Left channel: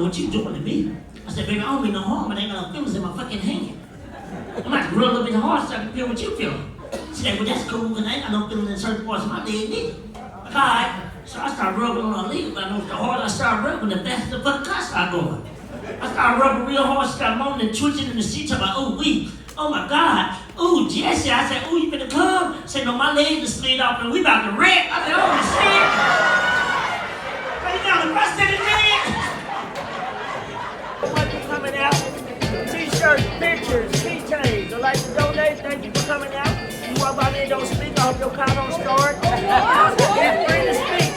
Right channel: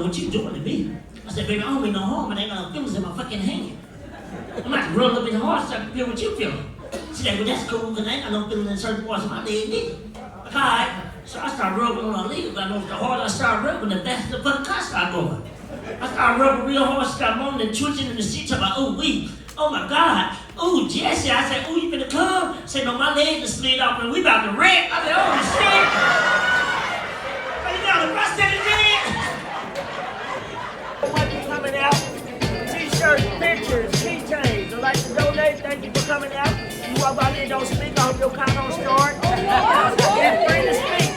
know what you doing to me. I said, baby, I don't mean no harm, but I ain't got no feelings in my fucking hand. I might rub a little bit hard so I can feel what you feel. She said, well, that's cool, because I ain't got no feelings in certain parts of my leg either. Like, all right. So I started rubbing on her leg, but I know the harder I started rubbing, the faster the fucking cut started going. I started rubbing real hard, she started moaning and twitching in the seat, talking about, oh, oh my God, ooh, Jesse. I said, ooh, you finna come? I said, no, my legs just slid off and we about to wreck. I said, oh shit. Are you got the rust in the leg? Thank you for coming out. T-shirts, pictures, keychains. I'd like to donate. Thank you for coming out. You walk out there, don't speak. I hope your car don't start. Get free to speak.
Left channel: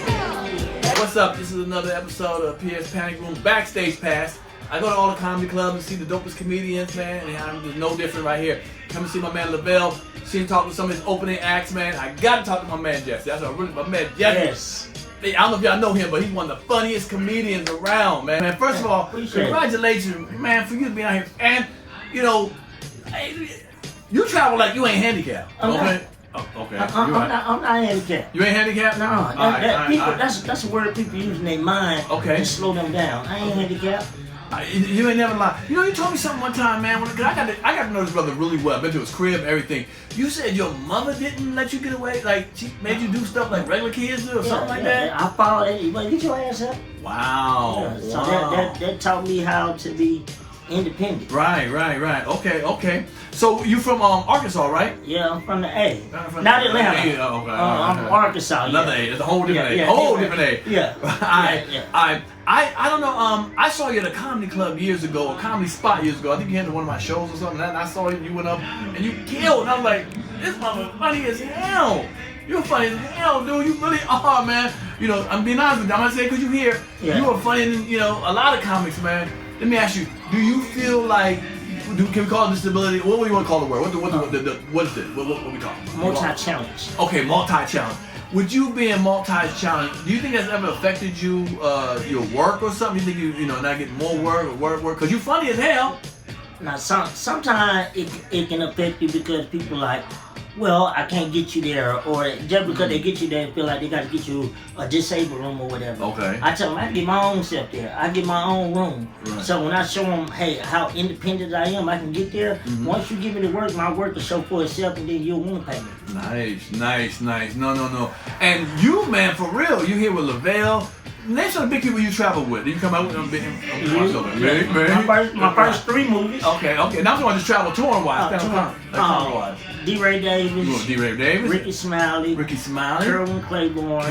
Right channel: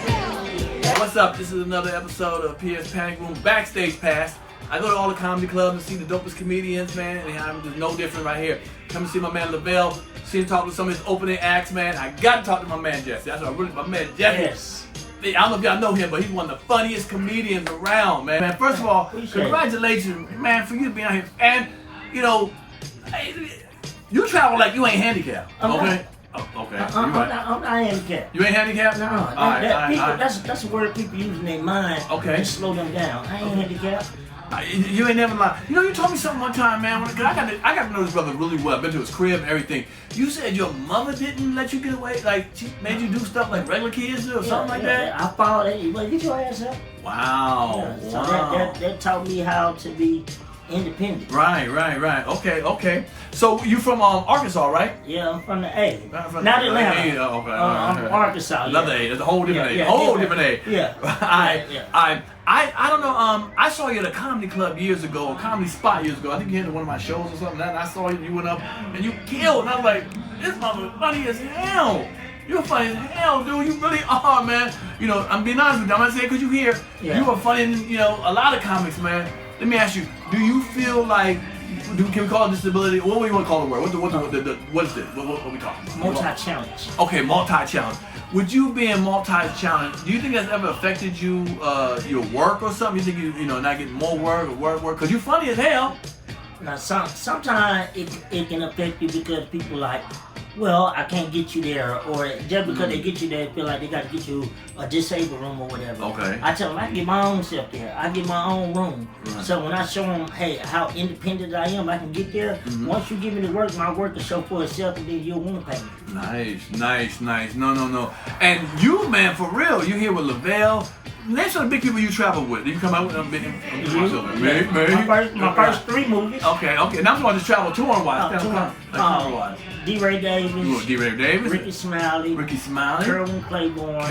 What's up? This is another episode of Pierre's Panic Room Backstage Pass. I go to all the comedy clubs and see the dopest comedians, man, and I'm just no different right here. Come and see my man Lavell, see him talk to some of his opening acts, man. I gotta talk to my man Jesse. That's what my man Jesse. Yes. I don't know if y'all know him, but he's one of the funniest comedians around, man. First of all, congratulations, man, for you being out here. And, you know, you travel like you ain't handicapped, okay? Oh, okay. I'm not handicapped. You ain't handicapped? No, that's a word people use in their mind to slow them down. I ain't handicapped. You ain't never lied. You know, you told me something one time, man. Cause I got to know this brother really well. I've been to his crib and everything. You said your mother didn't let you get away? Like, she made you do stuff like regular kids do or something like that? I followed it. Well, get your ass up. Wow. Yeah, so that taught me how to be independent. Right. Okay. So you from Arkansas, right? Yeah, I'm from the A. From Not Atlanta. Okay. I'm from Arkansas. Another A. That's a whole different A. Different A. Yeah. I don't know. I saw you at a comedy club years ago, a comedy spot years ago. I think you had one of my shows or something. And I saw you went up and you killed. And I was like, this mother's funny as hell. You're funny as hell, dude. You really are, man. You know, I'm being honest with you. I'm gonna say because you here. Yeah. You are funny than a lot of comics, man. Let me ask you, do you feel like, can we call it disability? What do you want to call the word? What is this? What we talking? Multi-challenge. Okay, multi-challenge. Would you being multi-challenge, do you think that's ever affected you, your work or something? You think you not getting more work or work? Because you're funny as hell. Now, sometimes it can affect you because people like, well, I can't get you there, or just because they get you there, feel like they got to get you a disabled room or whatever. Okay. I tell them I get my own self there. I get my own room. Right. So when I show them, hey, how independent I am, I can get there. Once you give me the work, my work will show for itself, and then you'll want to pay me. Nice. No. And you, man, for real, you here with Lavell. Name some of the big people you travel with. You come out with them big. My first 3 movies. Okay. Now I'm talking just travel touring-wise. Camera-wise. D-Ray Davis. D-Ray Davis. Ricky Smiley. Kerwin Claiborne.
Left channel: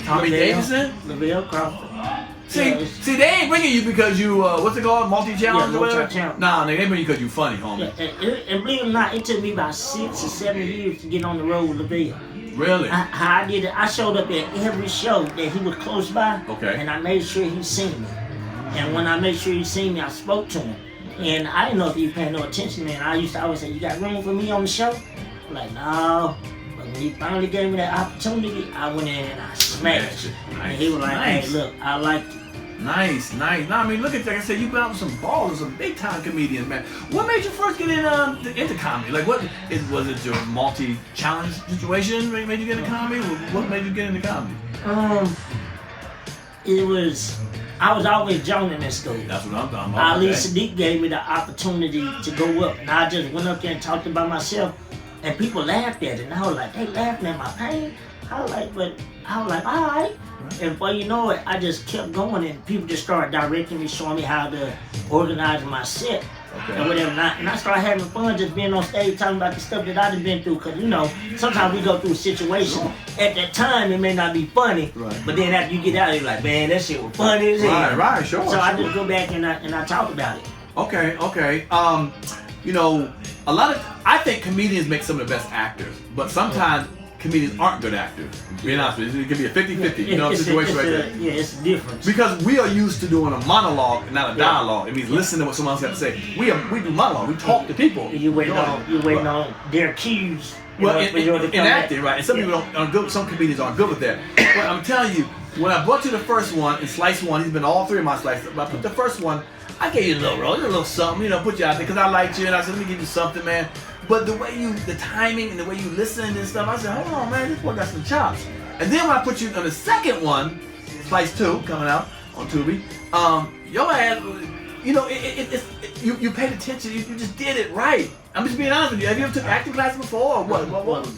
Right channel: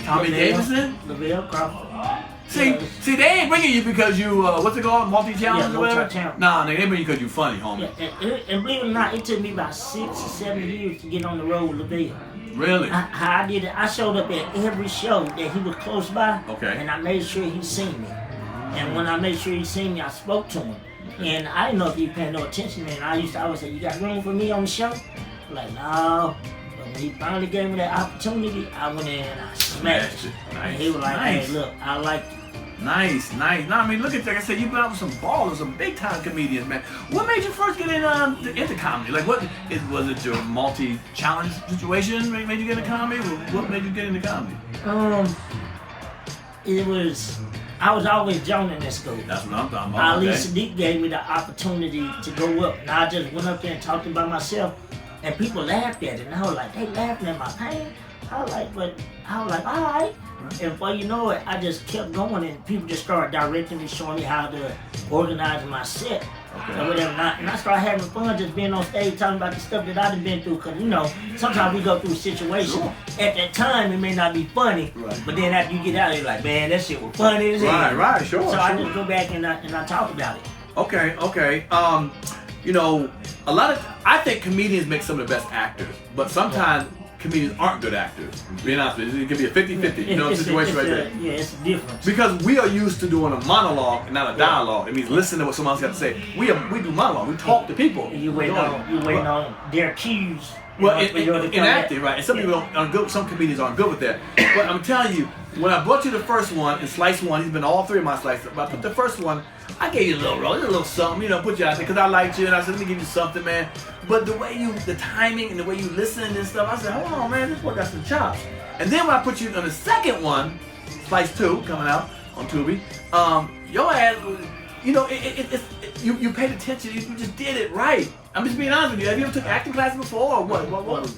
Tommy Davidson. Lavell Crawford. See, they ain't bringing you because you, what's it called, multi-challenge or whatever? Nah, they bring you because you funny, homie. And believe it or not, it took me about 6 or 7 years to get on the road with Lavell. Really? How I did it, I showed up at every show that he was close by, and I made sure he seen me. And when I made sure he seen me, I spoke to him. And I didn't know if he was paying no attention, man. I used to always say, you got room for me on the show? I'm like, no. But when he finally gave me that opportunity, I went in and I smashed it. And he was like, hey, look, I like you. Nice. No, I mean, look at that. Like I said, you've been out with some ballers, some big-time comedians, man. What made you first get into comedy? Like, was it your multi-challenge situation that made you get into comedy? What made you get into comedy? I was always joning in school. That's what I'm talking about. Ali Sadiq gave me the opportunity to go up. And I just went up there and talked about myself. And people laughed at it. And I was like, they laughing at my pain? I was like, all right. And before you know it, I just kept going, and people just started directing me, showing me how to organize my set and whatever. And I started having fun just being on stage talking about the stuff that I've been through. Because, sometimes we go through situations. At that time, it may not be funny, but then after you get out, you're like, man, that shit was funny as hell. Right, sure. So I just go back and I talk about it. Okay. I think comedians make some of the best actors, but sometimes comedians aren't good actors. Being honest with you, it can be a 50-50, situation right there. Yeah, it's a difference. Because we are used to doing a monologue and not a dialogue. It means listening to what someone else got to say. We do monologue. We talk to people. You waiting on their cues. Well, in acting, right? And some people aren't good. Some comedians aren't good with that. But I'm telling you, when I brought you the first one in Slice 1, he's been all 3 of my slices. But I put the first one, I gave you a little role, a little something, put you out there because I liked you, and I said, let me give you something, man. But the timing and the way you listen and stuff, I said, hold on, man, this boy got some chops. And then when I put you on the second one, Slice 2 coming out, on Tubi. Your ass, you know, you paid attention. You just did it right. I'm just being honest with you. Have you ever took acting classes before, or what?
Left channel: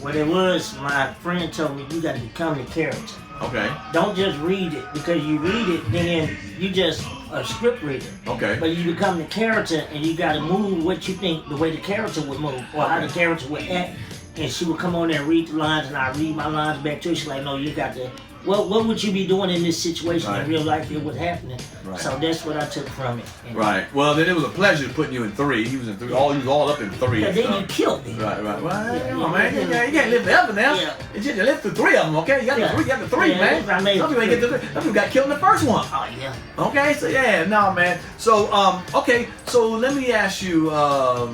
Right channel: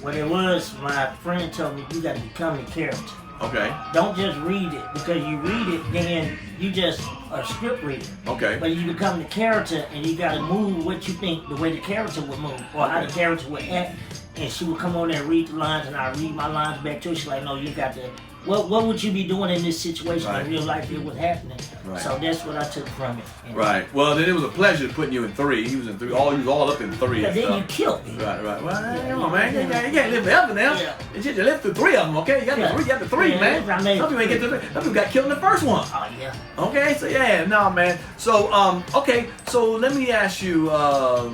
What it was, my friend told me you got to become the character. Okay. Don't just read it, because you read it, then you just a script reader. Okay. But you become the character, and you got to move what you think the way the character would move, or how the character would act. And she would come on there and read the lines, and I read my lines back to her. She's like, no, you got to. What would you be doing in this situation in real life? It was happening. Right. So that's what I took from it. Right. Well, then it was a pleasure putting you in 3. He was in 3. He was all up in 3. Yeah, then you killed me. Right. Well, come on, man. You can't live forever now. Yeah. You lived through 3 of them, okay? You got the 3, man. Some people ain't get to 3. Some people got killed in the first one. Oh, yeah. Okay, so no, man. So, okay, so let me ask you, I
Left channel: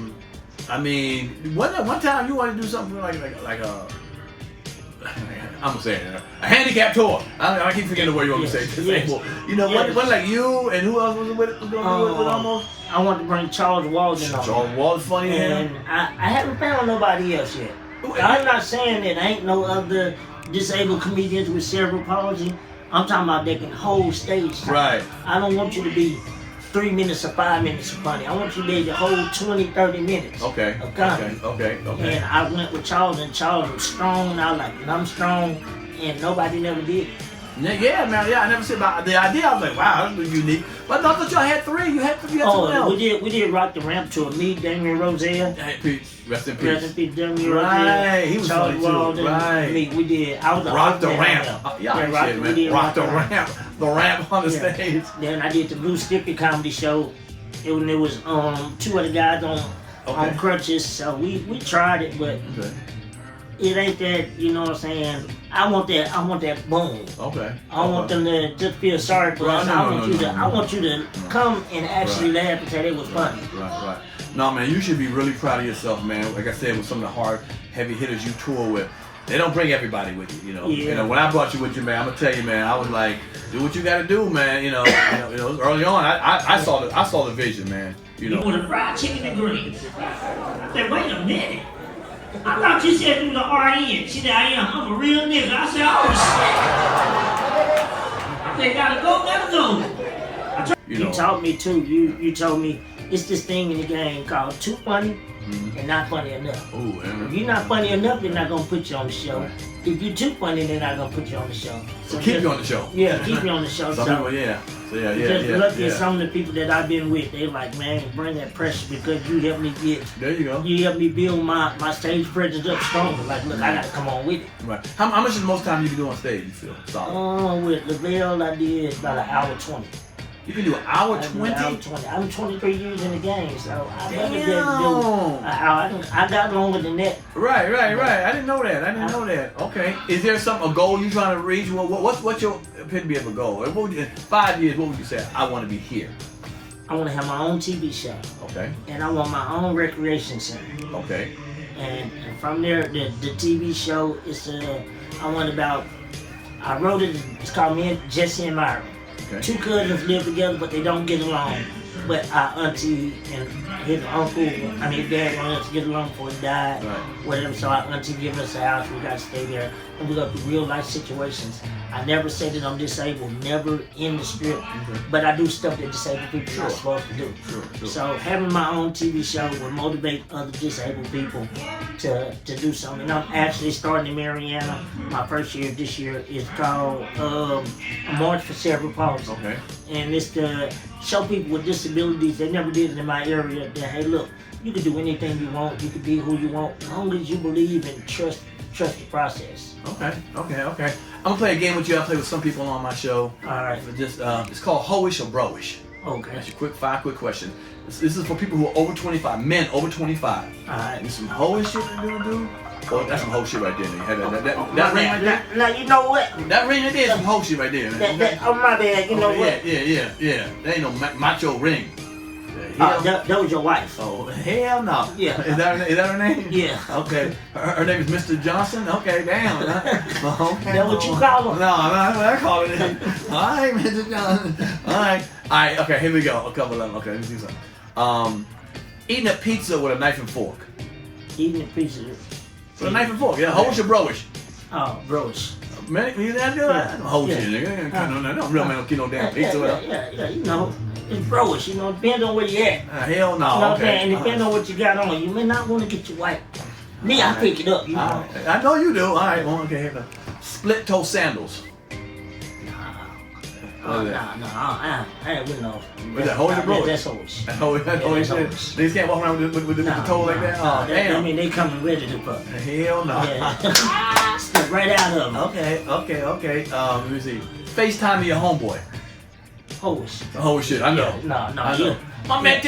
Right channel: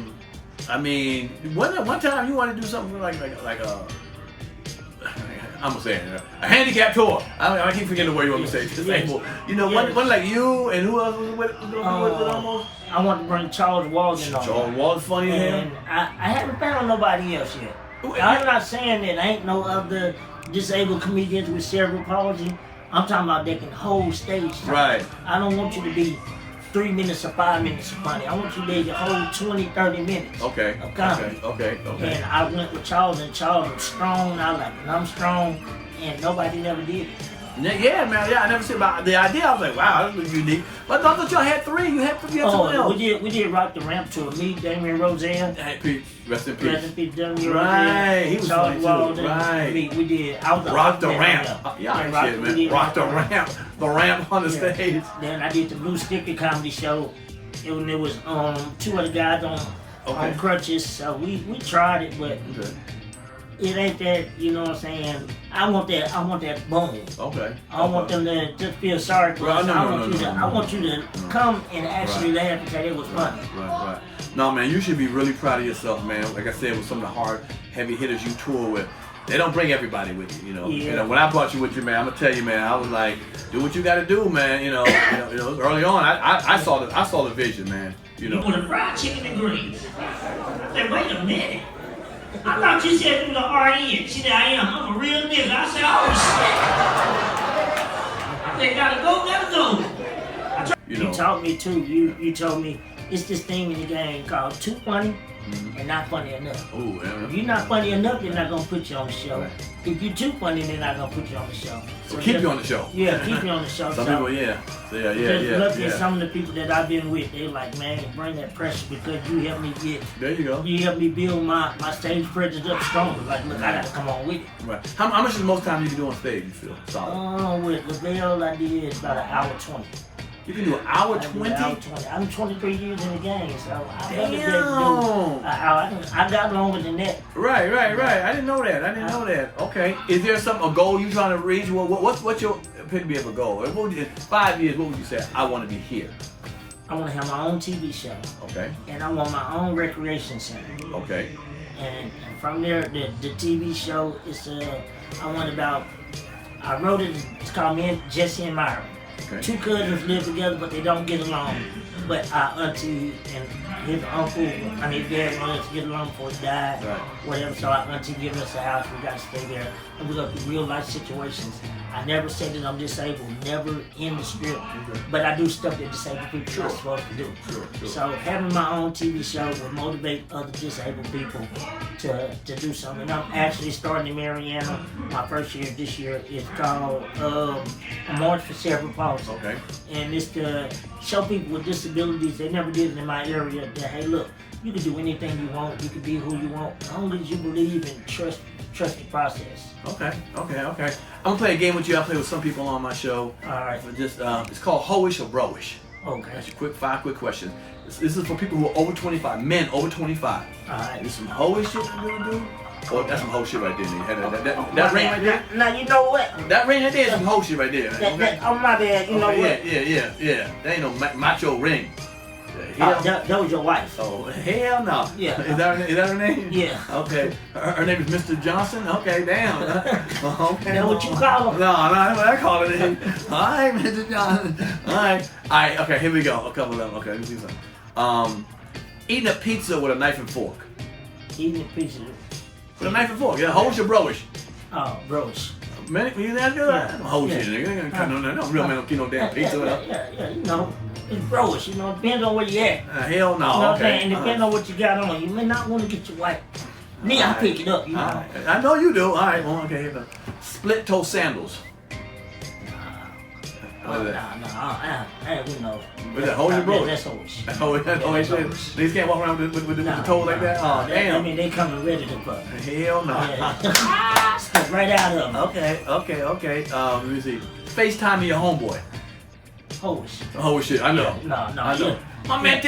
mean, one time you wanted to do something like I'm gonna say it, a handicap tour. I keep forgetting the word you want me to say. Disabled. You know, one like you and who else was going to be with almost? I want to bring Charles Walden on. Charles Walden, funny to him. I haven't found nobody else yet. I'm not saying that ain't no other disabled comedians with cerebral palsy. I'm talking about they can hold stage time. Right. I don't want you to be 3 minutes or 5 minutes of funny. I want you to be able to hold 20, 30 minutes of comedy. Okay. And I went with Charles, and Charles was strong, and I like it. I'm strong, and nobody never did it. Yeah, man. Yeah, I never said about the idea. I was like, wow, that's unique. But I thought y'all had 3. You had someone else. We did Rock the Ramp tour. Me, Damien Roselle. Rest in peace. Rest in peace, Damien Roselle. Right, he was Charles funny Walden, too. Right. We did. I was Rock the Ramp. Rock the Ramp. The ramp on the stage. Then I did the Blue Sticker comedy show. It was 2 other guys on crutches. So we tried it, but it ain't that, you know what I'm saying? I want that boom. Okay. I want them to just feel sorry for us. I want you to come and actually laugh and say it was funny. Right. No, man, you should be really proud of yourself, man. Like I said, with some of the hard, heavy hitters you tour with, they don't bring everybody with you, you know. Yeah. You know, when I brought you with you, man, I'm gonna tell you, man, I was like, do what you gotta do, man. You know, early on, I saw the vision, man. You know. You want a fried chicken and greens? I said, wait a minute. I thought you said you were the RN. She said, I am. I'm a real nigga. I said, oh shit. I said, gotta go. You taught me too. You told me it's this thing in the game called too funny and not funny enough. Ooh, if you're not funny enough, they're not gonna put you on the show. Right. If you're too funny, they're not gonna put you on the show. So keep you on the show. Yeah, keep you on the show. Some people, yeah. So look at some of the people that I've been with. They're like, man, bring that pressure because you helped me get. There you go. You helped me build my stage presence up stronger. Like, look, I gotta come on with it. Right. How much is the most time you can do on stage? You feel solid? With Lavell, I did about an hour 20. You can do an hour 20? I'm 23 years in the game, so I got longer than that. Right. I didn't know that. Okay. Is there a goal you trying to reach? What's your epitome of a goal? 5 years, what would you say? I want to be here. I want to have my own TV show. Okay. And I want my own recreation center. Okay. And from there, the TV show is I wrote it. It's called Me and Jesse and Myra. Okay. 2 cousins live together, but they don't get along. But our auntie and his dad wanted us to get along before he died, whatever. So our auntie gave us a house. We got to stay there, and we go through real life situations. I never say that I'm disabled, never in the script, but I do stuff that disabled people are supposed to do. Sure. So having my own TV show will motivate other disabled people to do something. And I'm actually starting in Mariana. My first year this year is called A March for Cerebral Palsy. Okay. And it's to show people with disabilities, they never did it in my area, that hey look, you can do anything you want, you can be who you want, as long as you believe and trust the process. Okay. I'm gonna play a game with you. I play with some people on my show. All right. Just it's called Hoish or Broish. Okay. That's your 5 quick questions. This is for people who are over 25, men over 25. All right. There's some hoish shit to do. Oh, that's some hoe shit right there. That ring right there. Now you know what? That ring right there is some hoe shit right there. Oh my bad. You know what? Yeah. That ain't no macho ring. That was your wife. Oh, hell no. Yeah. Is that her name? Yeah. Okay. Her name is Mr. Johnson? Okay, damn. Okay. That's what you call him? No, that's what I call it. All right, Mr. Johnson. All right, okay, here we go. A couple of them. Okay, let me see something. Eating a pizza with a knife and fork. Eating a pizza with a knife and fork, yeah. Hoish or broish? Oh, broish. Man, he's that good. Whole shit, nigga. No real man don't get no damn pizza. Yeah, you know, it's bros, you know, depends on where you at. Hell no, You know, okay. and depending on what you got on, you may not want to get your wife. Me, I pick it up, you know. Right. I know you do. All right, well, okay, here go. Split toe sandals. What is that? I wouldn't know. What's that, holy bro? That's holy. Holy shit. They can't walk around with the toe like that? Oh, damn. I mean, they come ready to fuck. Hell no. Yeah. Step right out of them. Okay. Let me see. FaceTime your homeboy. Holy shit. Holy shit, I know. No. I know. My man,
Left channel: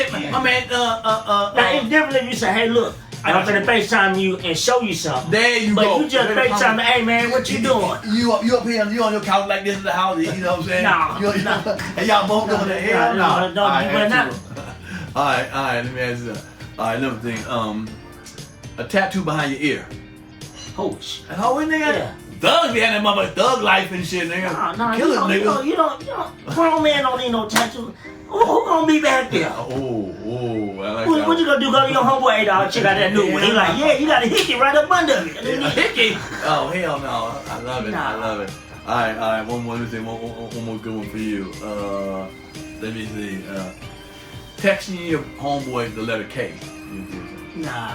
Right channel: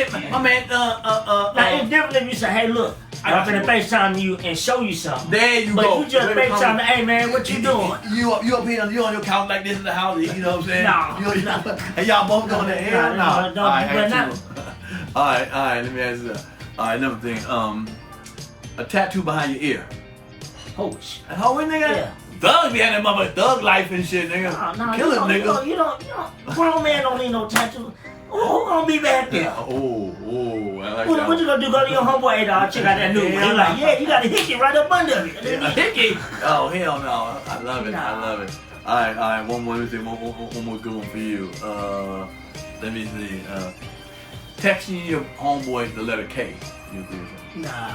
Now, it's different if you say, hey, look, I'm gonna FaceTime you and show you something. There you go. But you just FaceTime me, hey, man, what you doing? You up here, you on your couch like this in the house, you know what I'm saying? No. And y'all both doing that? Hell no. All right, let me ask you this. All right, another thing. A tattoo behind your ear. Holy shit. How we nigga? Yeah. Thugs be having that mother thug life and shit, nigga. Kill it, nigga. You don't, grown man don't need no tattoo. Who gonna be back there? Oh, I like that. What you gonna do? Go to your homeboy, hey dog, check out that new one. He like, yeah, you got a hickey right up under it. A hickey? Oh, hell no. I love it. All right, one more good one for you. Let me see. Texting your homeboy the letter K. Nah.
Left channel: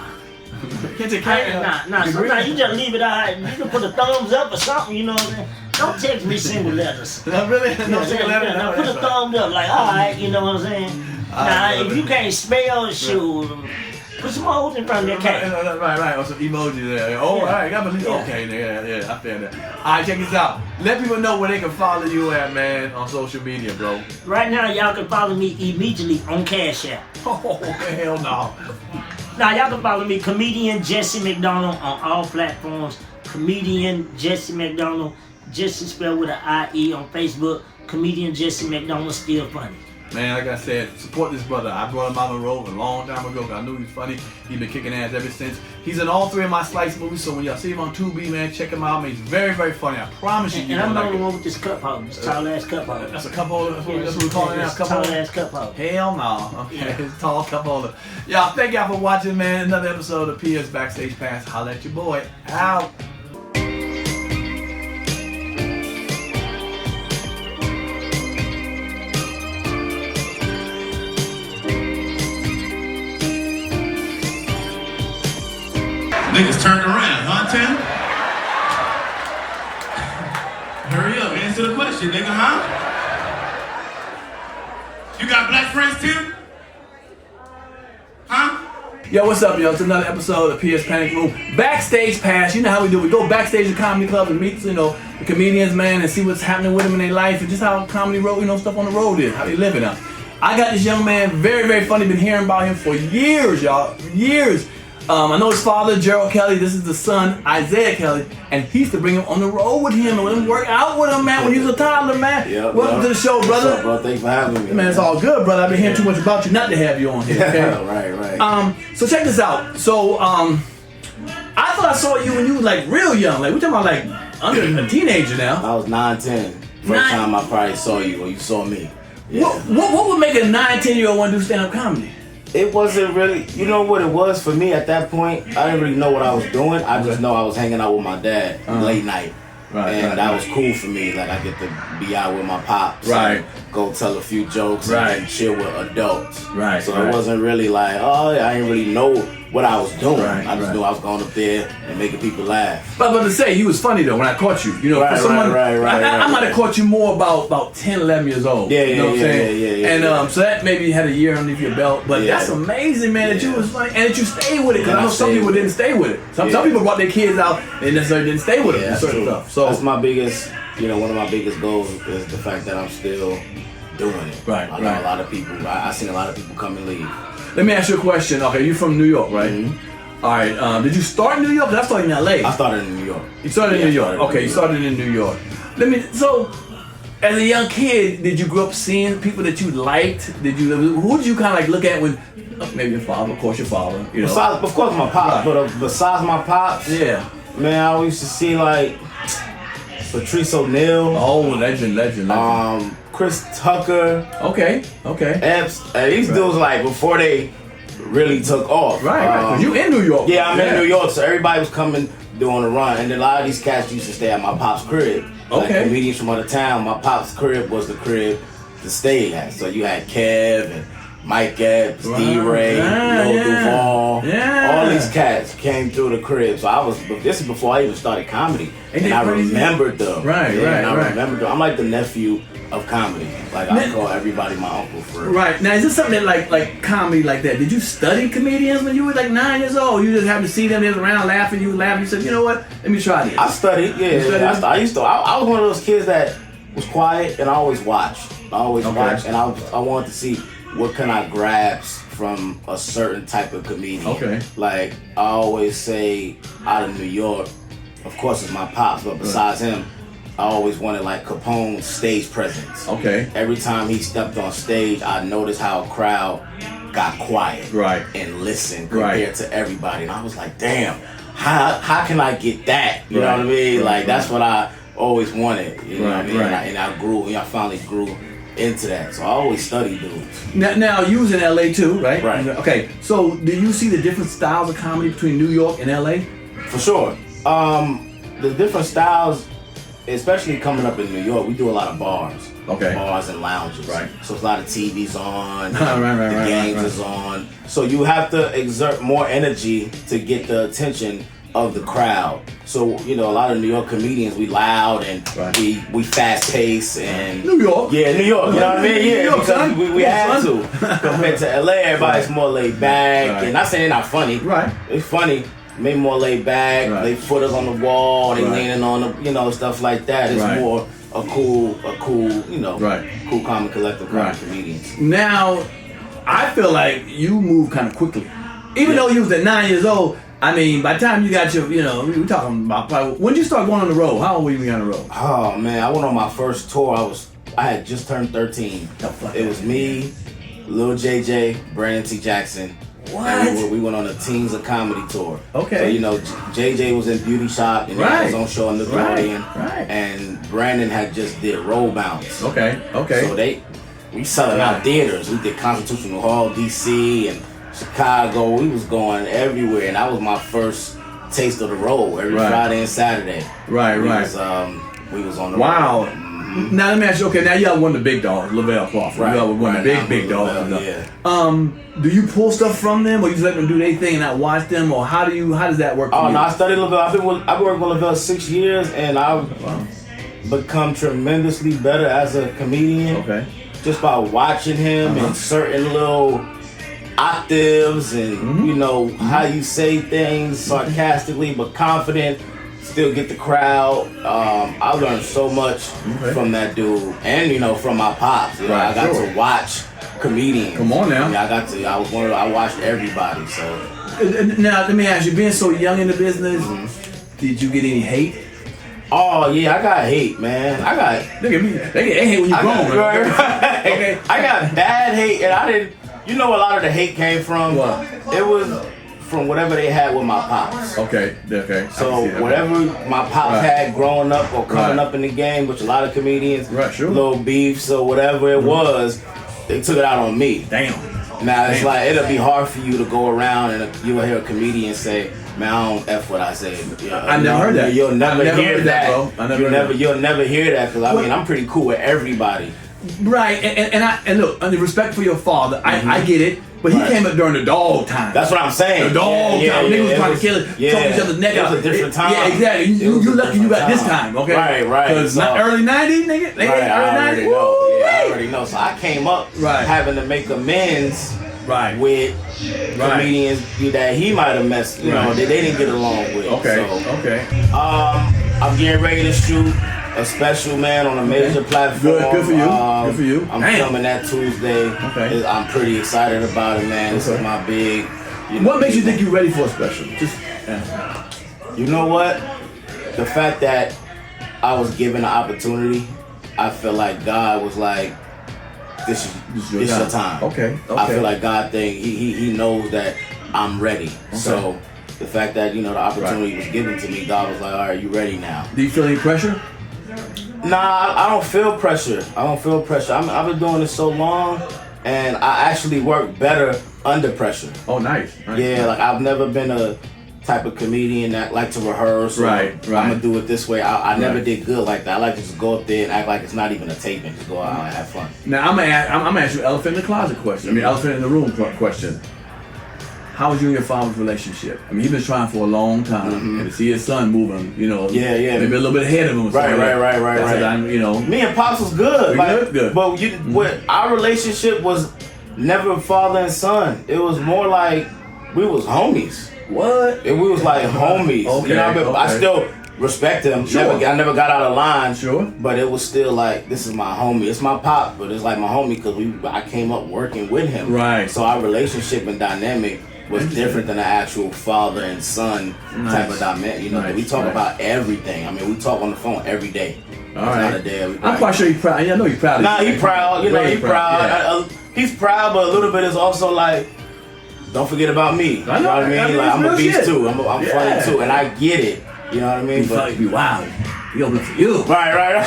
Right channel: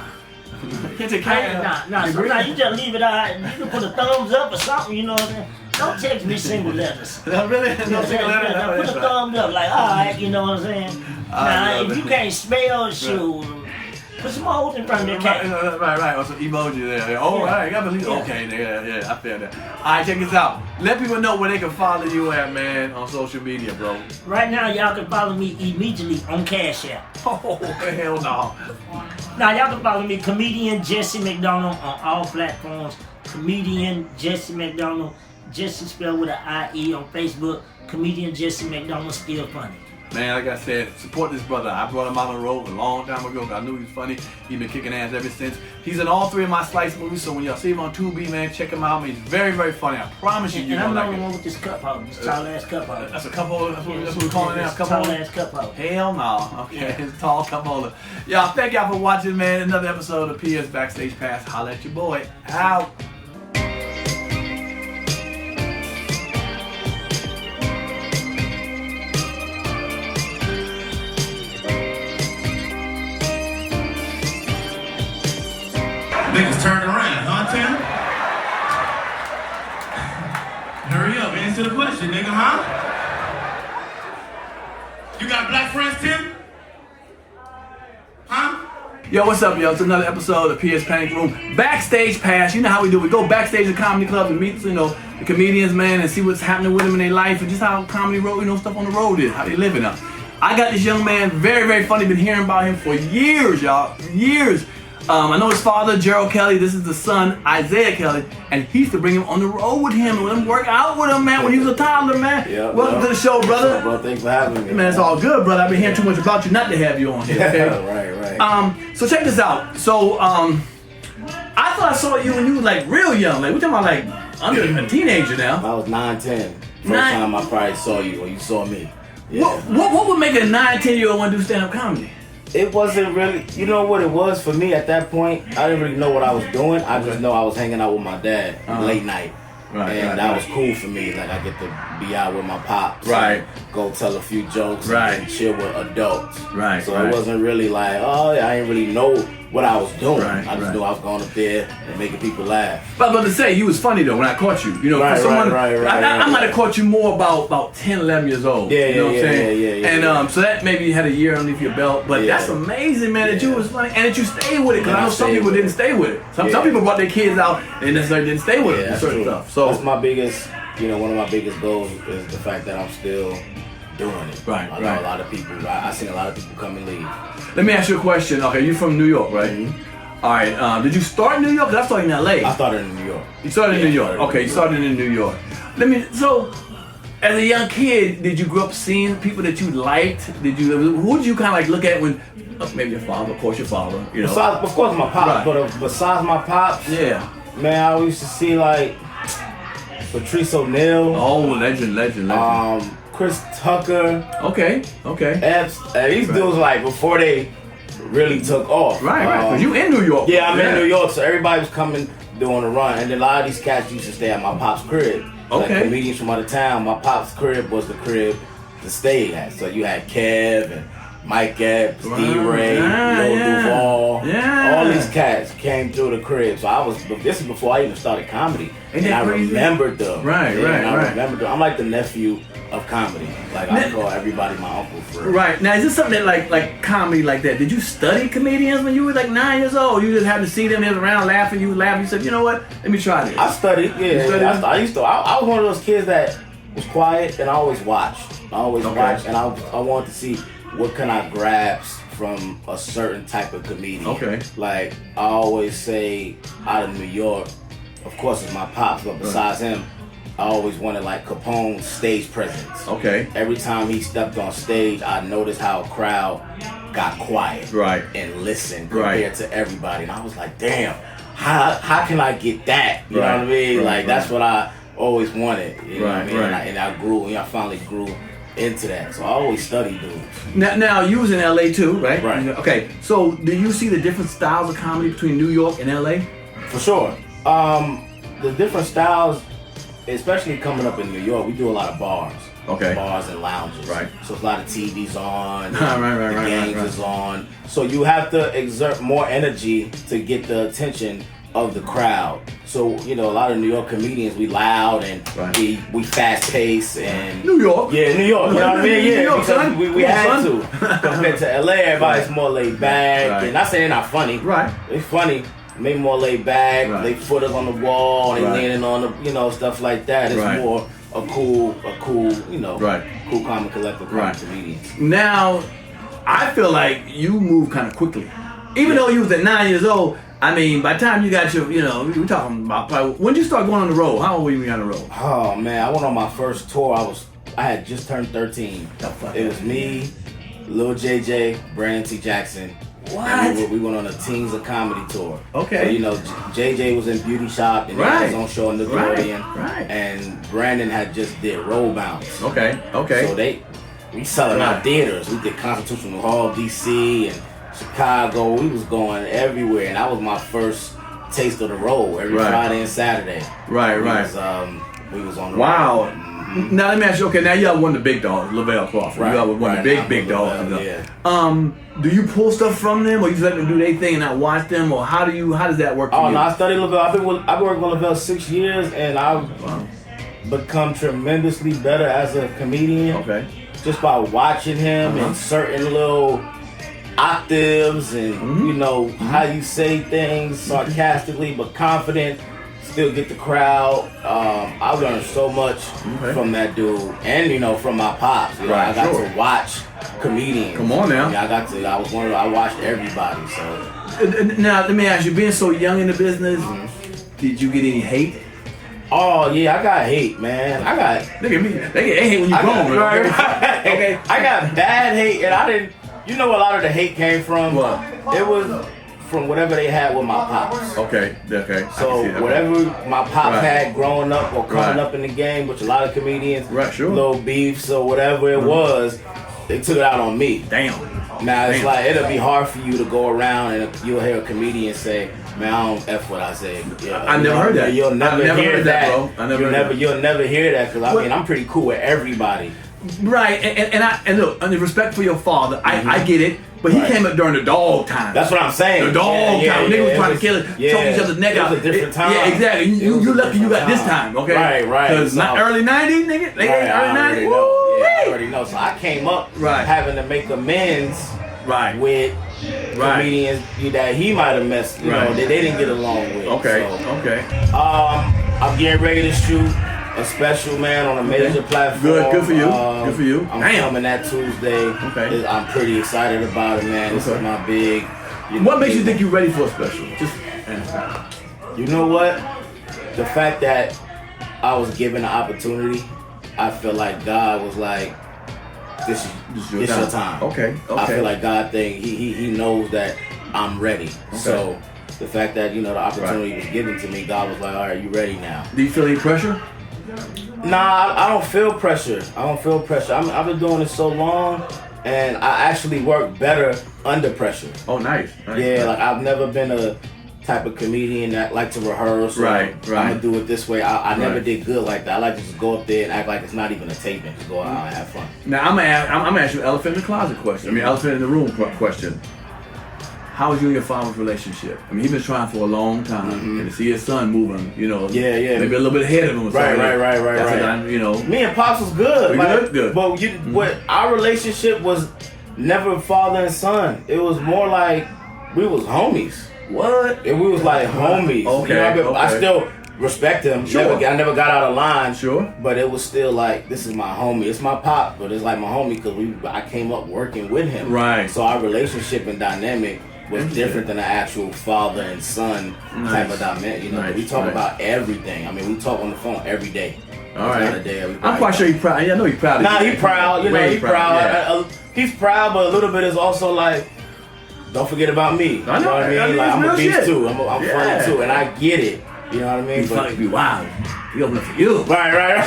Hit the K. Nah. Sometimes you just leave it out. You can put a thumbs up or something, you know what I'm saying? Don't text me single letters. No, really? No single letters? Now put a thumbs up, like, all right, you know what I'm saying? Now, if you can't spell, shoot, put some O's in front of your K. Right. Or some emoji there. Oh, right. You gotta believe. Okay, yeah, I feel that. All right, check this out. Let people know where they can follow you at, man, on social media, bro. Right now, y'all can follow me immediately on Cash App. Oh, hell no. Now, y'all can follow me, Comedian Jesse McDonald, on all platforms. Comedian Jesse McDonald, Jesse spelled with an I-E on Facebook. Comedian Jesse McDonald, still funny. Man, like I said, support this brother. I brought him out on the road a long time ago. I knew he was funny. He's been kicking ass ever since. He's in all 3 of my Slice movies, so when y'all see him on Tubi, man, check him out. Man, he's very, very funny. I promise you, you're gonna like it. And I'm the one with this cup holder, this tall ass cup holder. That's a cup holder? That's what we're calling it now? Cup holder? Tall ass cup holder. Hell no. Okay, it's tall cup holder. Y'all, thank y'all for watching, man. Another episode of Pierre's Backstage Pass. Holla at your boy. Out. Niggas turned around, huh, Tim? Hurry up, answer the question, nigga, huh? You got black friends, Tim? Huh? Yo, what's up, yo? It's another episode of Pierre's Panic Room. Backstage Pass. You know how we do. We go backstage at comedy clubs and meet, the comedians, man, and see what's happening with them in their life and just how comedy road, stuff on the road is, how they living up. I got this young man, very, very funny. Been hearing about him for years, y'all. Years. I know his father, Gerald Kelly. This is the son, Isaiah Kelly, and he used to bring him on the road with him and let him work out with him, man, when he was a toddler, man. Yep, Welcome to the show, brother. What's up, bro? Thanks for having me. Man, it's all good, brother. I've been hearing too much about you not to have you on here, okay? Right. So check this out. So, I thought I saw you when you were, like, real young. Like, we're talking about, like, under a teenager now. I was 9, 10. First time I probably saw you, or you saw me. Yeah. What would make a 9, 10-year-old want to do stand-up comedy? It wasn't really, you know what it was for me at that point? I didn't really know what I was doing. I just know I was hanging out with my dad late night. And that was cool for me. Like, I get to be out with my pops. Right. Go tell a few jokes. Right. And chill with adults. Right. So it wasn't really like, I didn't really know what I was doing. Right, I just knew I was going up there and making people laugh. But I was about to say, you was funny though when I caught you. Right. I might have caught you more about 10, 11 years old. Yeah, you know what I'm saying? Yeah. And so that maybe you had a year underneath your belt. But that's amazing, man, that you was funny and that you stayed with it. Because I know some people didn't stay with it. Some people brought their kids out and necessarily didn't stay with it and certain stuff. So that's my biggest, one of my biggest goals is the fact that I'm still doing it. Right. I know a lot of people. I've seen a lot of people come and leave. Let me ask you a question. Okay, you're from New York, right? Mm-hmm. All right. Did you start in New York? Because I started in LA. I started in New York. You started in New York. Okay, you started in New York. So, as a young kid, did you grow up seeing people that you liked? Who did you kind of like look at when, maybe your father, of course your father, Besides, of course my pops, Right. but besides my pops, Yeah. man, I used to see like Patrice O'Neal. Oh, legend. Chris Tucker. Okay. These dudes like before they really took off. Right. Cause you in New York. Yeah, I'm in New York, so everybody was coming doing a run, and then a lot of these cats used to stay at my pop's crib. Like comedians from out of town. My pop's crib was the crib to stay at. So you had Kev and Mike Epps, D-Ray, Lil Duval. Yeah. All these cats came through the crib. So this is before I even started comedy. And I remembered them. Right. I remembered them. I'm like the nephew of comedy. Like I call everybody my uncle for real. Right. Now is this something that like comedy like that? Did you study comedians when you were like 9 years old? You just happened to see them, they was around laughing, you laughed, you said, you know what? Let me try this. I studied, I was one of those kids that was quiet and I always watched. I always watched, and I wanted to see what can I grasp from a certain type of comedian. Okay. Like I always say, out of New York, of course it's my pops, but besides him, I always wanted like Capone's stage presence. Okay. Every time he stepped on stage, I noticed how a crowd got quiet. Right. And listened compared to everybody. And I was like, damn, how can I get that? You know what I mean? Like that's what I always wanted. You know what I mean? And I grew, I finally grew into that. So I always studied dudes. Now you was in LA too, right? Right. Okay. So do you see the different styles of comedy between New York and LA? For sure. The different styles, especially coming up in New York, we do a lot of bars. Okay. Bars and lounges. Right. So a lot of TVs on. right. Games is on. So you have to exert more energy to get the attention of the crowd. So, a lot of New York comedians, we loud and we fast paced and New York. Yeah, New York. You know what I mean? Yeah, New York, because son. we had to. Compared to LA, everybody's more laid back. And not saying they're not funny. Right. They're funny. Maybe more laid back. They foot us on the wall. They leaning on the, stuff like that. It's more a cool, cool, calm, and collective comedians. Now, I feel like you move kind of quickly. Even though you was at 9 years old, I mean, by the time you got your, we're talking about probably, when did you start going on the road? How old were you on the road? Oh, man, I went on my first tour. I had just turned 13. It was me, Lil JJ, Brandon T. Jackson. What? We went on a Teens of Comedy tour. Okay. So, JJ was in Beauty Shop and he had his own show on Nickelodeon. Right. And Brandon had just did Roll Bounce. Okay. So we selling out theaters. We did Constitutional Hall, DC, and Chicago. We was going everywhere, and that was my first taste of the road. Every Friday and Saturday. Right. We was on the road. Mm-hmm. Now let me ask you. Okay, now you have one of the big dogs, Lavell Crawford. You have one of the big dogs. Do you pull stuff from them, or you just let them do their thing and not watch them, or how does that work? No, I studied Lavell. I've been working with Lavell 6 years, and I've become tremendously better as a comedian. Okay. Just by watching him and certain little octaves and how you say things sarcastically but confident, still get the crowd. I learned so much from that dude, and from my pops. I got to watch comedians. Come on now. I watched everybody. So now let me ask you, being so young in the business, did you get any hate? Oh yeah, I got hate, man. Look at me. They get hate when you grown, right? Okay. I got bad hate, and I didn't. You know where a lot of the hate came from? What? It was from whatever they had with my pops. Okay. So whatever my pops had growing up or coming up in the game, which a lot of comedians, little beefs or whatever it was, they took it out on me. Damn. Now it's like it'll be hard for you to go around and you'll hear a comedian say, "Man, I don't F what I said." I never heard that. You'll never hear that, bro. You'll never hear that because I'm pretty cool with everybody. Right, and look, under respect for your father, I get it, but he came up during the dog time. That's what I'm saying. The dog time. Niggas was trying to kill it, choke each other's neck out. It was a different time. Yeah, exactly. You lucky you got this time, okay? Right. Because early 90s, nigga. Early 90s. I already know. So I came up having to make amends with comedians that he might have messed, that they didn't get along with. Okay. I'm getting ready to shoot a special, man, on a major platform. Good for you. I'm filming that Tuesday. Okay. I'm pretty excited about it, man. This is my big. What makes you think you're ready for a special? You know what? The fact that I was given the opportunity, I feel like God was like, "This is your time." Okay. I feel like God He knows that I'm ready. So the fact that the opportunity was given to me, God was like, "All right, you ready now?" Do you feel any pressure? Nah, I don't feel pressure. I've been doing this so long and I actually work better under pressure. Oh, nice. Yeah, like I've never been a type of comedian that like to rehearse. Right. I'm gonna do it this way. I never did good like that. I like to just go up there and act like it's not even a taping. Just go out and have fun. Now I'm gonna ask you an elephant in the closet question. I mean, elephant in the room question. How was you and your father's relationship? I mean, he's been trying for a long time, and to see his son moving, you know, yeah, maybe a little bit ahead of him. Right. That's what you know. Me and Pops was good. Good. But what our relationship was never father and son. It was more like we was homies. What? And we was like homies. Okay. You know what I mean? I still respect him. Sure. I never got out of line. Sure. But it was still like, this is my homie. It's my pop, but it's like my homie because I came up working with him. Right. So our relationship and dynamic was different than the actual father and son type of dynamic. You know, we talk about everything. I mean, we talk on the phone every day. All right. Not a day I'm quite sure he's proud. I know he's proud. Nah, he's proud. You know, he's proud. Yeah. He's proud, but a little bit is also like, don't forget about me. I know. You know what I mean? Like, I'm a beast too. I'm funny too, and I get it. You know what I mean? He's probably be wild. He gonna look for you. Right. You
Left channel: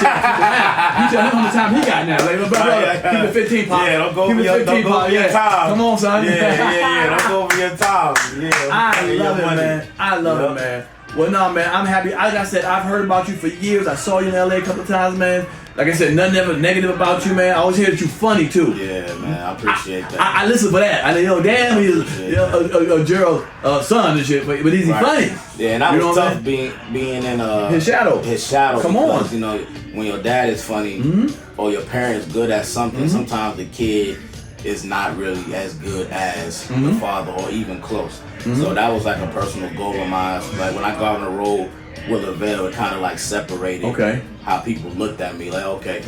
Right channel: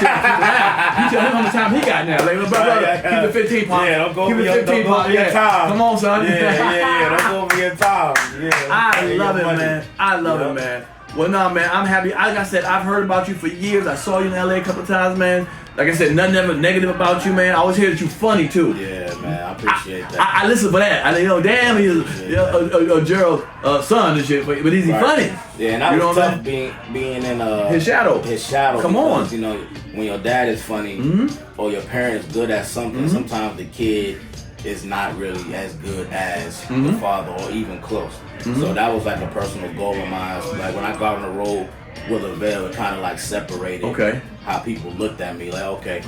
tell him how much time he got now. Like, brother, keep the 15 pop. Yeah, don't go keep over your time. Come on, son. Yeah. Don't go over your time. Yeah. I love it, man. I love it, man. Well, no, man, I'm happy. Like I said, I've heard about you for years. I saw you in LA a couple of times, man. Like I said, nothing ever negative about you, man. I always hear that you funny too. Yeah, man, I appreciate that. I listen for that. I know, damn, he's Gerald's son and shit, but is he funny? Yeah, and that was tough being in his shadow. His shadow. Come on, you know, when your dad is funny or your parents good at something, sometimes the kid is not really as good as the father or even close. So that was like a personal goal of mine. Like when I got on the road with Lavell, it kind of like separated how people looked at me. Like, okay,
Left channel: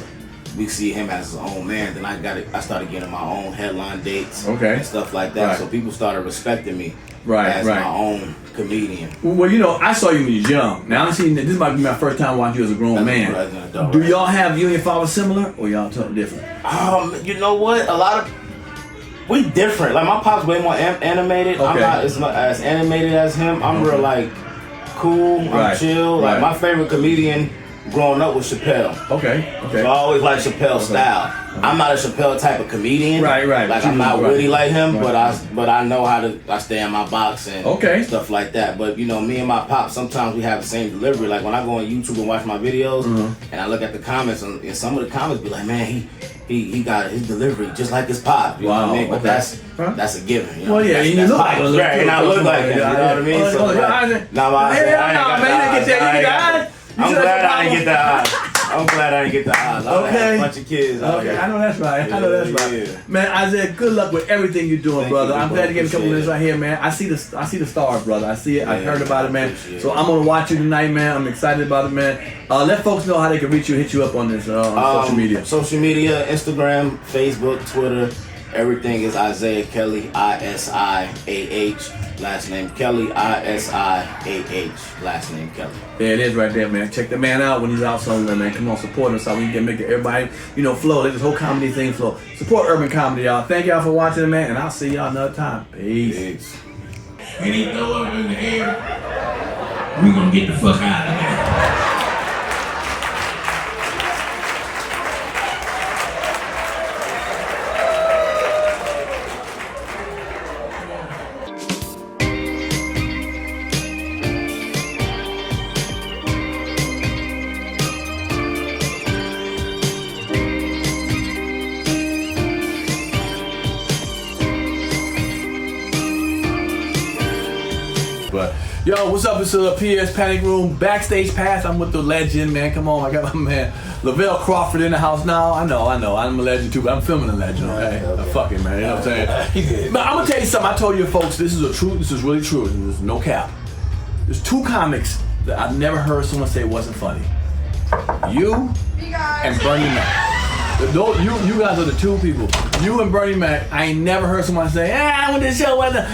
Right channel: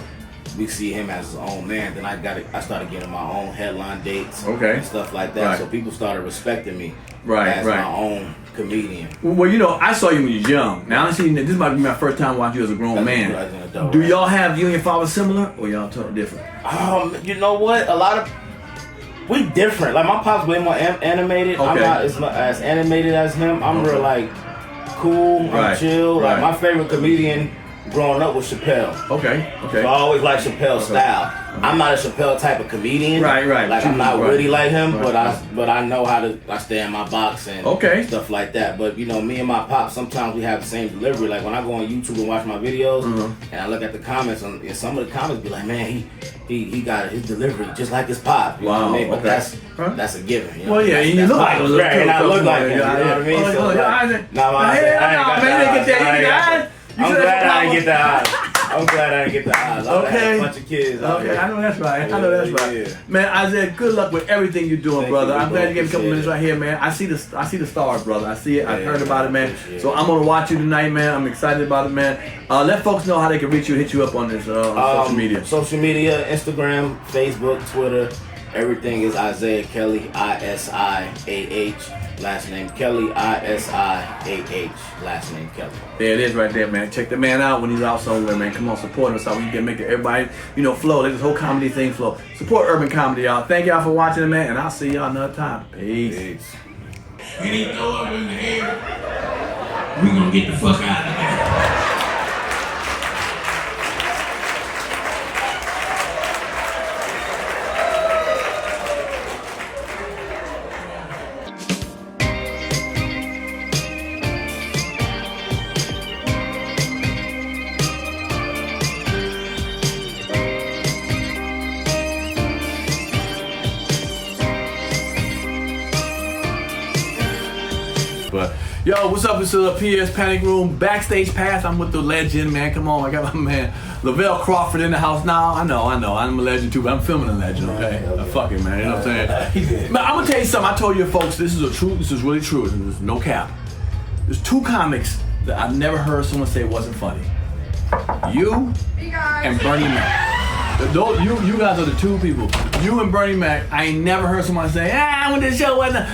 we see him as his own man. Then I started getting my own headline dates and stuff like that. So people started respecting me as my own comedian. Well, you know, I saw you when you was young. Now I'm seeing that this might be my first time watching you as a grown man. Do y'all have you and your father similar, or y'all totally different? You know what? We different. Like my pop's way more animated. I'm not as animated as him. I'm real like cool. I'm chill. Like my favorite comedian growing up was Chappelle. Okay. So I always like Chappelle's style. I'm not a Chappelle type of comedian. Right. Like I'm not witty like him, but I know how to. I stay in my box and stuff like that. But you know, me and my pop sometimes we have the same delivery. Like when I go on YouTube and watch my videos, and I look at the comments, and some of the comments be like, man, he got his delivery just like his pop. You know what I mean? But that's a given. You know? Well, yeah, and you look like him. And I look like him. You know what I mean? So I ain't got that. I'm glad I didn't get the eyes. I'm glad I didn't get the eyes. I had a bunch of kids. I know that's right. Yeah. Man, Isaiah, good luck with everything you're doing, brother. I'm glad you gave me a couple minutes right here, man. I see the stars, brother. I see it. I heard about it, man. So I'm gonna watch you tonight, man. I'm excited about it, man. Let folks know how they can reach you, hit you up on this on social media. Social media, Instagram, Facebook, Twitter. Everything is Isaiah Kelly, ISIAH. Last name Kelly, ISIAH. Last name Kelly. There it is right there, man. Check the man out when he's out somewhere, man. Come on, support us so we can make everybody, flow. Let this whole comedy thing flow. Support urban comedy, y'all. Thank y'all for watching it, man. And I'll see y'all another time. Peace. We need to throw up in the air. We gonna get the fuck out of here. But yo, what's up? This is Pierre's Panic Room Backstage Pass. I'm with the legend, man. Come on, I got my man Lavell Crawford in the house now. I know. I'm a legend too, but I'm filming a legend, okay? Fuck it, man. You know what I'm saying? But I'm gonna tell you something. I told you folks, this is really true. There's no cap. There's two comics that I've never heard someone say wasn't funny. You and Bernie Mac. You guys are the two people. You and Bernie Mac. I ain't never heard someone say, I went to the show. Nah,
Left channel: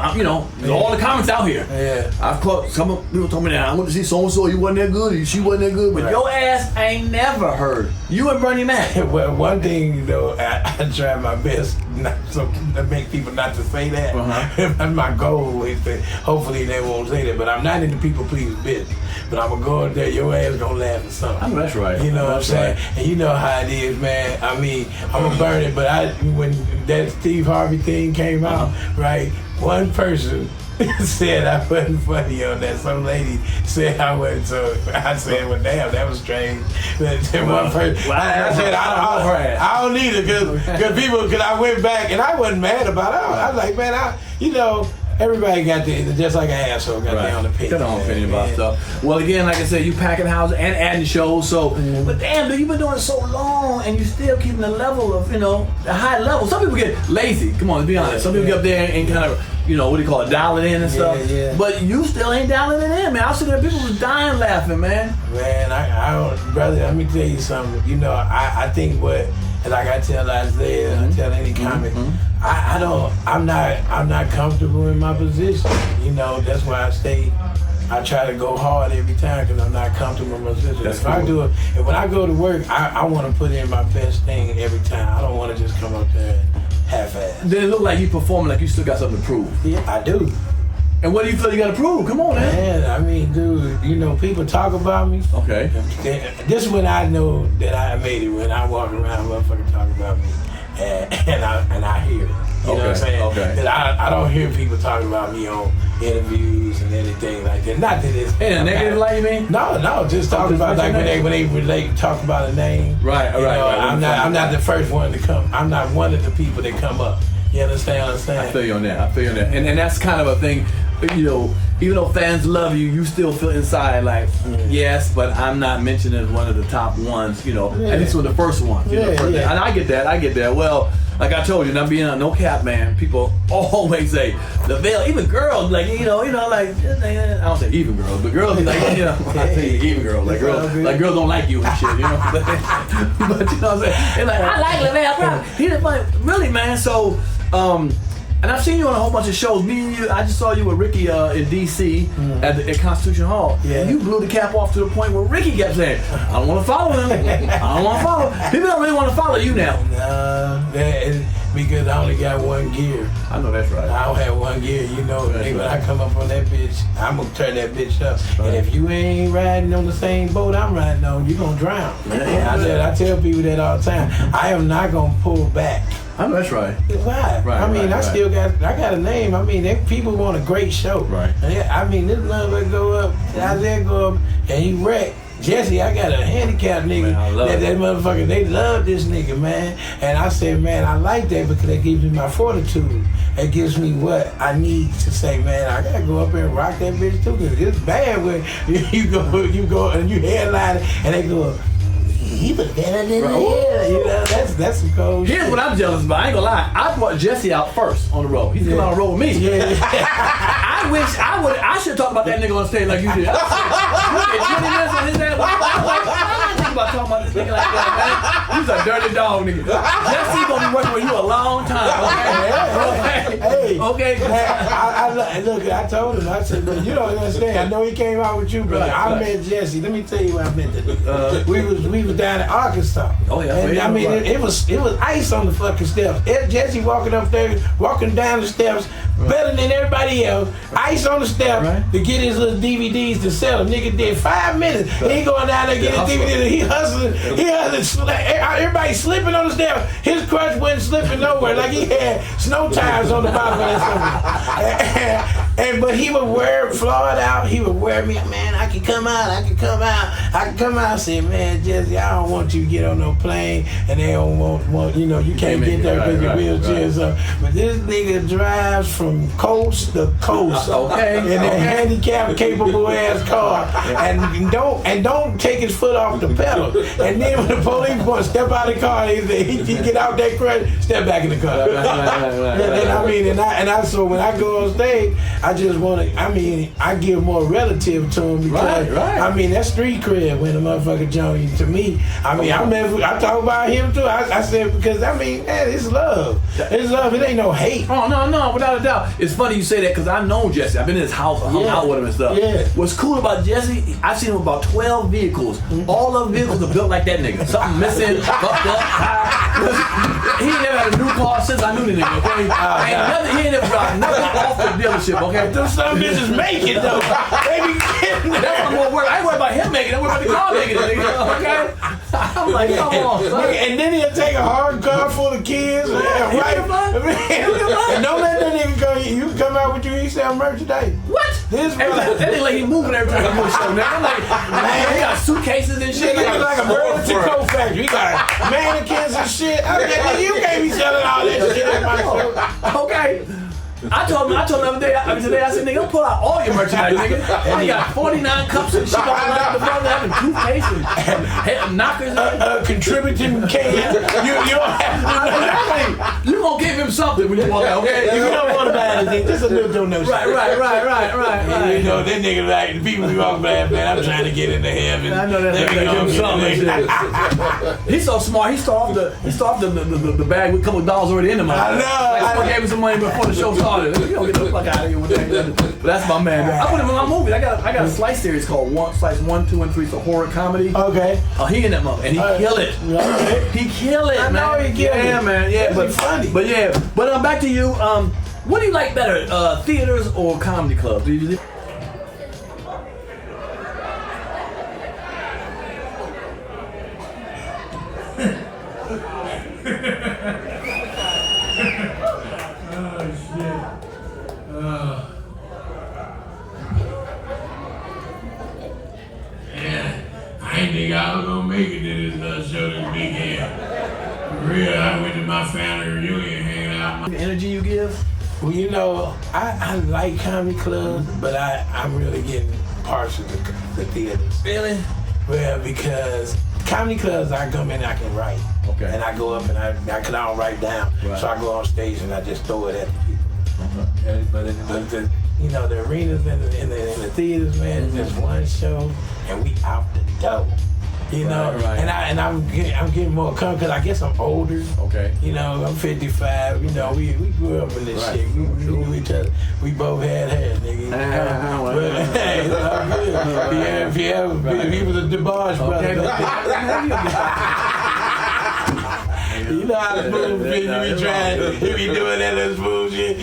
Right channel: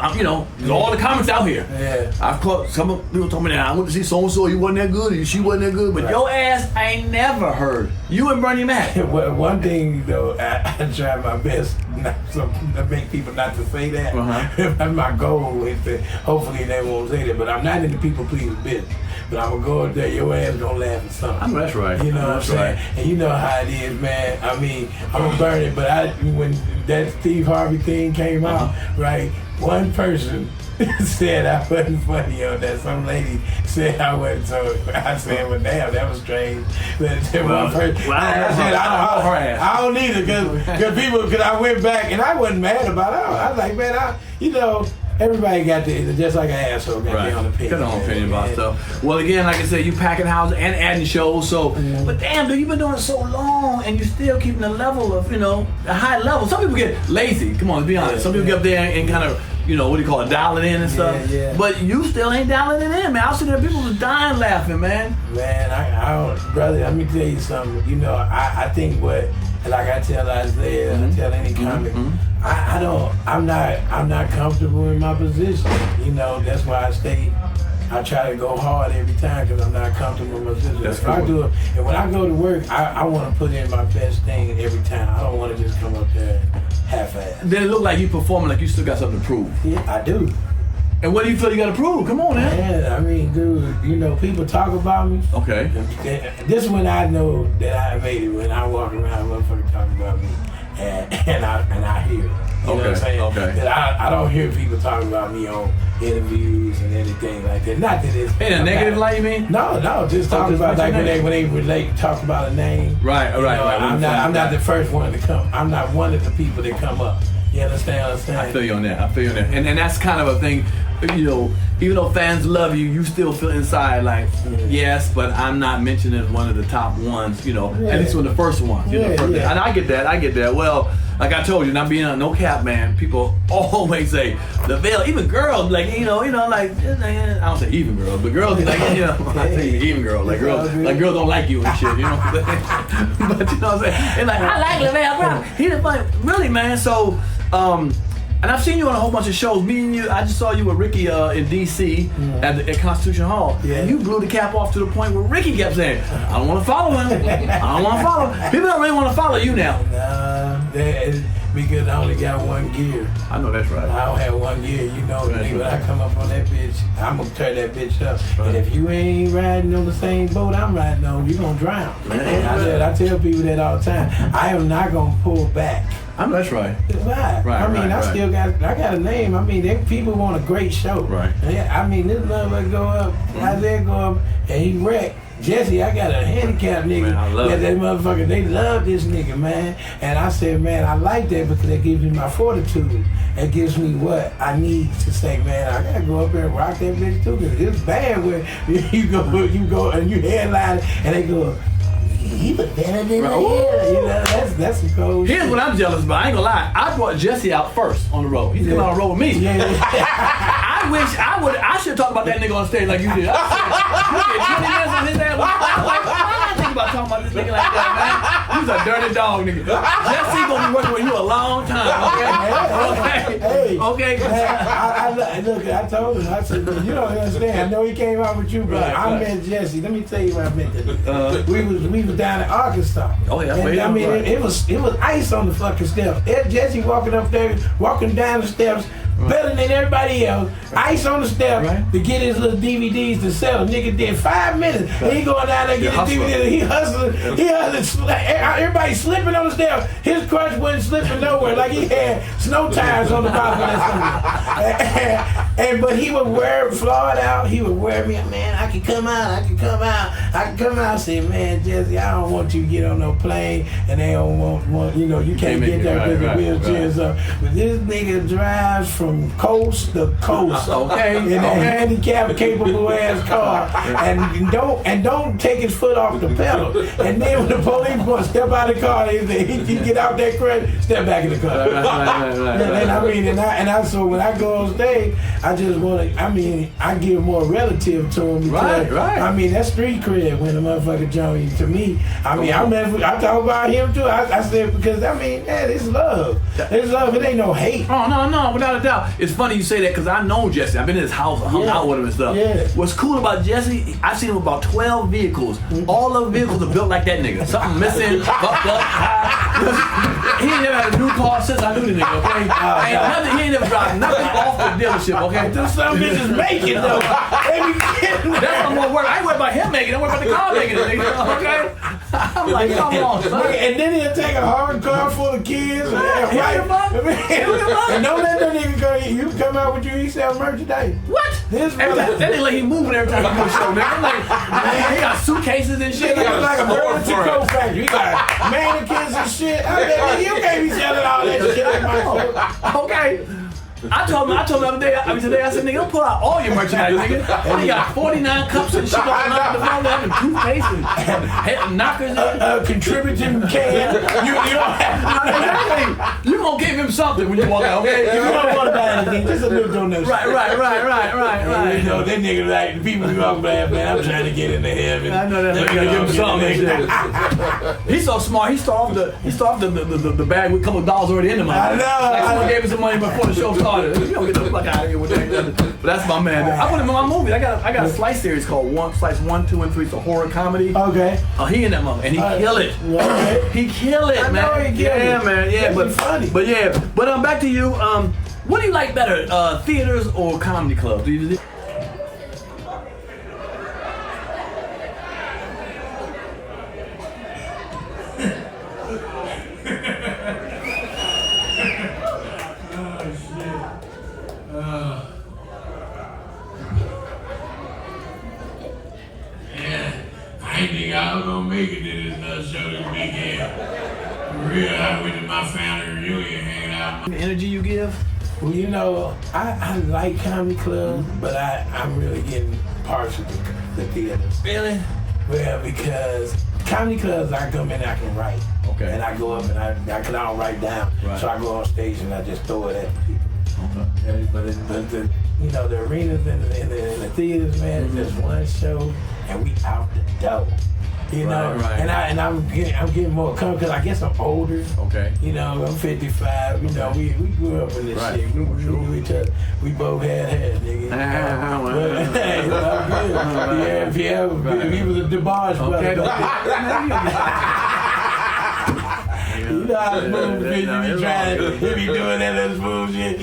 I know. There's all the comments out here. Yeah. I've caught some people told me that I went to see so and so. You wasn't that good. Or she wasn't that good. But your ass, I ain't never heard. You and Bernie Mac. One thing though, I try my best not to make people not to say that. That's my goal. Is to, hopefully they won't say that. But I'm not in the people pleasing business. But I'm gonna go up there, your ass gonna laugh at something. I know that's right. You know what I'm saying? Right. And you know how it is, man. I mean, I'm gonna burn it, but when that Steve Harvey thing came out, right? One person said I wasn't funny on that. Some lady said I wasn't, so I said, well, damn, that was strange. But one person, I said, I don't need it, because I went back and I wasn't mad about it. I was like, man, everybody got just like an asshole got their own opinion. Got their own opinion about stuff. Well, again, like I said, you packing houses and adding shows. So, but damn, dude, you've been doing it so long, and you're still keeping the level of, a high level. Some people get lazy. Come on, let's be honest. Some people get up there and kind of, what do you call it, dial it in and stuff. Yeah. But you still ain't dialing it in, man. I was sitting there, people was dying laughing, man. Man, I don't, brother. Let me tell you something. I think like I tell Isaiah, I tell any comic, I'm not comfortable in my position. That's why I try to go hard every time because I'm not comfortable in my position. That's cool. And when I go to work, I want to put in my best thing every time. I don't want to just come up there half-assed. Then it look like you performing like you still got something to prove. Yeah, I do. And what do you feel you got to prove? Come on, man. Man, I mean, dude, people talk about me. Okay. This is when I know that I made it, when I walk around, motherfuckers talk about me, and I hear it. You know what I'm saying? Okay. That I don't hear people talking about me on interviews and anything like that. Not that it's in a negative light, you mean? No, just talking about like when they relate, talk about a name. Right. I'm not the first one to come. I'm not one of the people that come up. You understand what I'm saying? I feel you on that. And that's kind of a thing, even though fans love you, you still feel inside like, yes, but I'm not mentioned as one of the top ones, at least one of the first ones. And I get that. Well, like I told you, not being on no cap, man, people always say, Lavell, even girls, like, like, I don't say even girls, but girls be like, I say even girls, like girls don't like you and shit, But you know what I'm saying? They're like, I like Lavell, bro. He's like, really, man, so, and I've seen you on a whole bunch of shows. Me and you, I just saw you with Ricky in D.C. at Constitution Hall. Yeah. And you blew the cap off to the point where Ricky kept saying, I don't want to follow him. I don't want to follow him. People don't really want to follow you now. Nah, because I only got one gear. I know that's right. I don't have one gear. When I come up on that bitch, I'm going to turn that bitch up. Right. And if you ain't riding on the same boat I'm riding on, you're going to drown. I tell people that all the time. I am not going to pull back. I know that's right. Right. I got a name. I mean, people want a great show. Right. I mean, this motherfucker go up, Isaiah go up, and he wrecked. Jesse, I got a handicapped nigga. Man, that motherfucker, they love this nigga, man. And I said, man, I like that because it gives me my fortitude. It gives me what I need to say, man, I gotta go up there and rock that bitch too. Cause it's bad when you go and you headline and they go, he was better than that's some cold shit. Here's what I'm jealous about. I ain't gonna lie. I brought Jesse out first on the road. He's coming on the road with me. I wish I should talk about that nigga on stage like you did. You did 20 minutes on his ass. I was like, why not think about talking about this nigga like that, man? He's a dirty dog, nigga. Jesse gonna be working with you a long time, okay? Okay. Look, I told him, I said, you don't understand. I know he came out with you, but I met Jesse. Let me tell you what I met the nigga. We was down in Arkansas. Oh yeah, and I mean it was ice on the fucking steps. Jesse walking down the steps better than everybody else. Ice on the steps to get his little DVDs to sell. The nigga did 5 minutes. He going down there get his DVD. He hustling. Everybody slipping on the steps. His crutch wasn't slipping nowhere. Like he had snow tires on the bottom of that something. But he would wear Floyd out. He would wear me, man. I can come out. I said, man, Jesse, I don't want you to get on no plane, and they don't want you can't get there with your wheelchair and stuff. But this nigga drives from coast to coast, in a handicapped capable ass car, and don't take his foot off the pedal. And then when the police want to step out of the car, he get out that crutch, step back in the car. And I mean, so when I go on stage, I just want to. I mean, I give more relative to him because Right. I mean that's street cred when the motherfucker joined to me. I mean, I talk about him too. I said because I mean, man, it's love. It's love. It ain't no hate. Oh no, without a doubt. It's funny you say that because I know Jesse. I've been in his house, hung out with him and stuff. Yeah. What's cool about Jesse? I've seen him about 12 vehicles. All of the vehicles are built like that nigga. Something missing, fucked up. He ain't never had a new car since I knew the nigga. Okay, he ain't never driven nothing off the dealership. Okay, Them some bitches make it though. They be getting that's what I'm gonna worry. I ain't worried about him making it. I'm worried about the car making it. Nigga. Okay, I'm like, come on, son. And then he'll take a hard car full of kids. And don't let that nigga go. You come out with you sell merchandise. What? This That nigga like he moving every time he do a show, nigga. I'm like, man, he got suitcases and shit. Nigga like a Burlington coat factory. He got mannequins and shit. I said, you can't be selling all that shit at my show. Okay. I told him the other day, I said, nigga, don't pull out all your merchandise, nigga. And he got 49 cups and shit all around the phone, having toothpaste and head knockers. Contributing can. You don't have to. You gonna give him something when you walk out, okay? You don't want to buy anything. Just a little donation. Right. You know, that nigga like, the people be walking by, man, I'm trying to get into heaven. I know that nigga give him something. He's so smart, he started the bag with a couple of dollars already in the money. I know. Like someone gave him some money before the show started. You don't get the fuck out of here with that. But that's my man. I put him in my movie. I got a Slice series called Slice 1, 2, and 3. It's a horror comedy. Okay. Oh, he in that mother, and he kill it. Okay. He kill it, I man. know he kill yeah, it. man. Yeah, That'd be funny. But yeah. But back to you. What do you like better, theaters or comedy clubs? Do you? I ain't think I was gonna make it to this show this weekend. For real, I went to my family reunion hanging out. The energy you give? Well, you know, I like comedy clubs, but I'm really getting partial to the theaters. Really? Well, because comedy clubs, I come in, I can write. Okay. And I go up and I don't write down. Right. So I go on stage and I just throw it at the people. Okay. But you know, the arenas and the theaters, man, it's just one show and we out the door. You know, Right. and I'm getting more comfortable because I guess I'm older. Okay. You know, I'm 55. You know, we grew up in this Right. shit. We knew each other. We both had hair, nigga. Well, But, hey, it's all good. Pierre, he was a DeBarge brother. You know how the smooth shit he be doing that little smooth shit.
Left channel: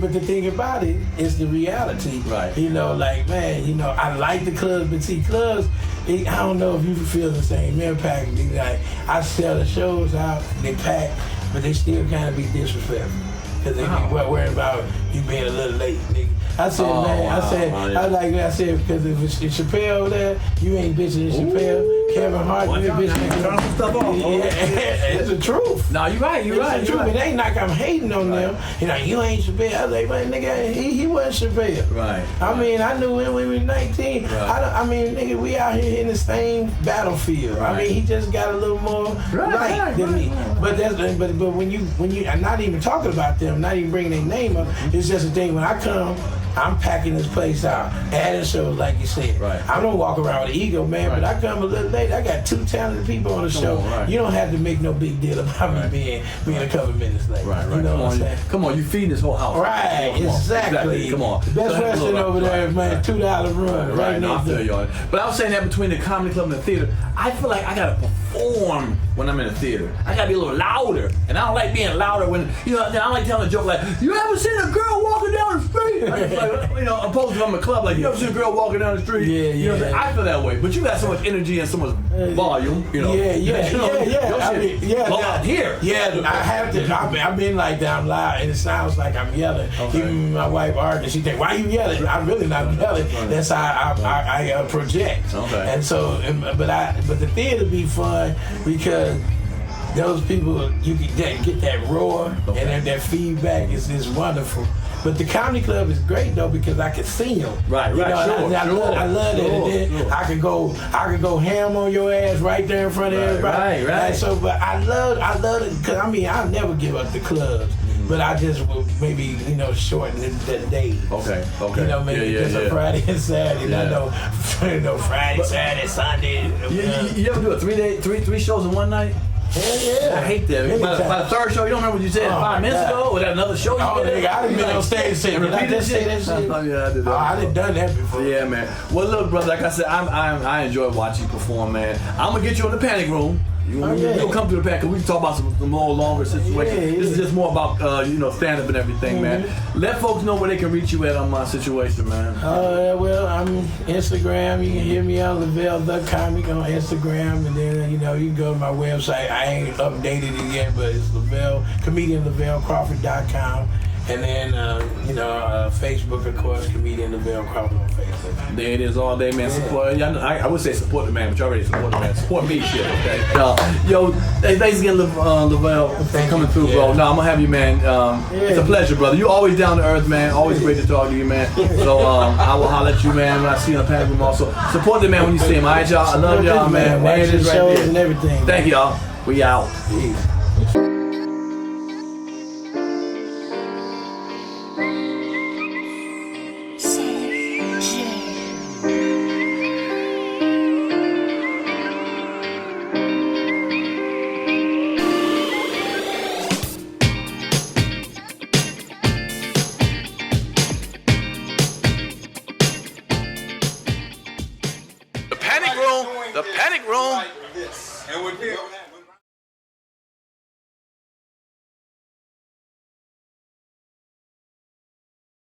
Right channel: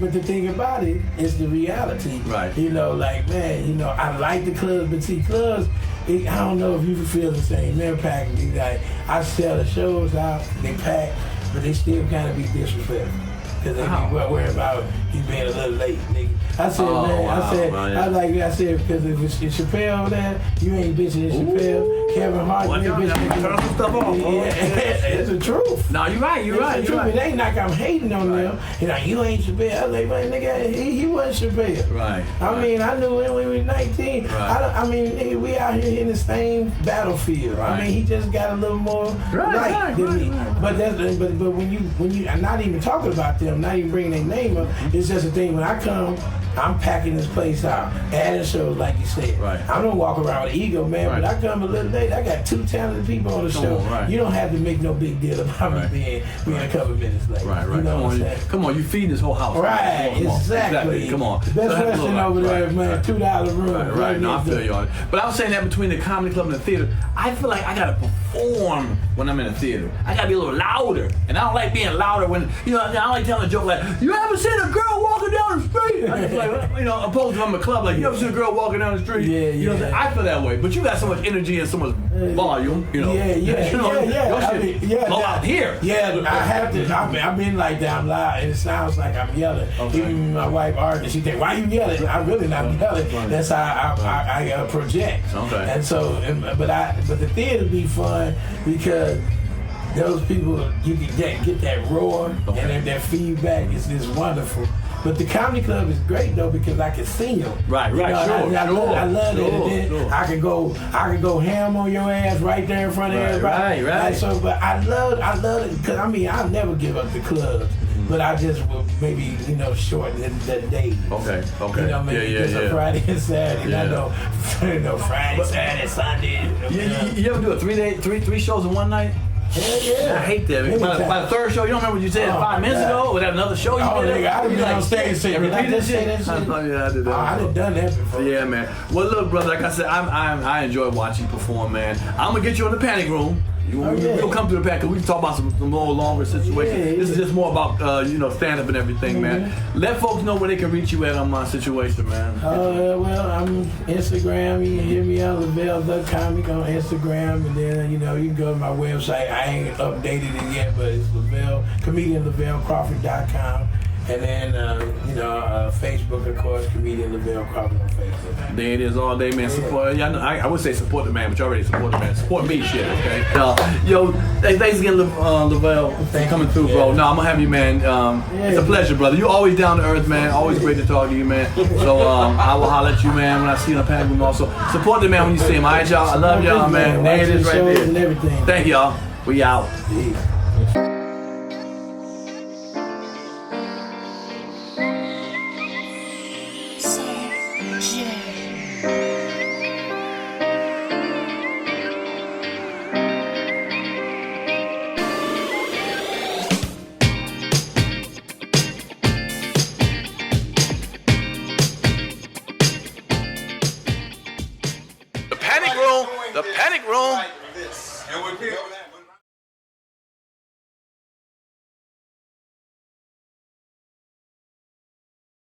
But the thing about it is the reality. Right. You know, like, man, you know, I like the clubs, but see, clubs, I don't know if you feel the same impact. Like, I sell the shows out, they pack, but they still kind of be disrespectful. Because they be worried about you being a little late, nigga. I said, I said, because if it's Chappelle over there, you ain't bitching Chappelle. Kevin Hart, you ain't bitching. Turn some stuff off. It's the truth. No, you're right. It ain't like I'm hating on them. You know, you ain't Chappelle. I was like, man, nigga, he wasn't Chappelle. Right. I mean, I knew him when we were 19. Right. Nigga, we out here in the same battlefield. Right. I mean, he just got a little more light than me. But when you, I'm not even talking about them, not even bringing their name up. It's just a thing. When I come, I'm packing this place out, adding shows like you said. Right. I don't walk around with ego, man, Right. but I come a little late. I got 2 talented people on the show. Right. You don't have to make no big deal about Right. me being a couple minutes late. Right. You know Come what I'm on, saying? come on. You feeding this whole house. Right, exactly. Come on. The best restaurant over there, man, $2 room. Right. No, I feel you on it. But I was saying that between the comedy club and the theater, I feel like I gotta perform when I'm in the theater. I gotta be a little louder, and I don't like being louder when I don't like telling a joke like, "You ever seen a girl walking down the street?" I just like, opposed to I'm a club like, "You ever seen a girl walking down the street?" Yeah. You know what I'm saying? I feel that way, but you got so much energy and so much volume. Yeah. Your shit blow out here. Yeah, I have to. I've been like that. I'm loud, and it sounds like I'm yelling. Okay. Even my wife argues. She think, "Why you yelling?" I'm really not yelling. That's how I project. Okay. And so, but the theater be fun because those people, you can get that roar and that feedback is wonderful. But the comedy club is great though because I can see them. Right, You know, sure. I love it. And then Sure. I can go ham on your ass right there in front of everybody. Right. Like, so, but I love it because I never give up the clubs. but I just will maybe, shorten the day. Okay. Maybe just a Friday and Saturday. Yeah. I know, Friday, Saturday, Sunday. You ever do a 3 day, three shows in one night? Hell yeah. I hate that. By the third show, you don't remember what you said 5 minutes ago? Or that another show you did? I done been on stage and said, repeat that say shit? that shit? Yeah, I did that. I done done that before. Yeah, man. Well, look, brother, like I said, I enjoy watching you perform, man. I'm going to get you in the panic room. You'll come to the back because we can talk about some more longer situations. Yeah. This is just more about stand up and everything, man. Let folks know where they can reach you at on my situation, man. Well, I'm Instagram. You can hear me on Lavell.com. You go on Instagram, and then you can go to my website. I ain't updated it yet, but it's comedian Lavellcrawford.com. And then, Facebook, of course, comedian Lavell Crawford on Facebook. There it is all day, man. Support. I would say support the man, but you already support the man. Support me, shit, okay? Thanks again, Lavell, for coming through, bro. No, I'm gonna have you, man. It's a pleasure, brother. You always down to earth, man. Always great to talk to you, man. So I will holler at you, man, when I see you in the panic room. Also, support the man when you see him. All right, y'all. I love y'all, man. There it is, right there. And everything. Thank y'all. We out. Peace. The panic room. And with Pierre.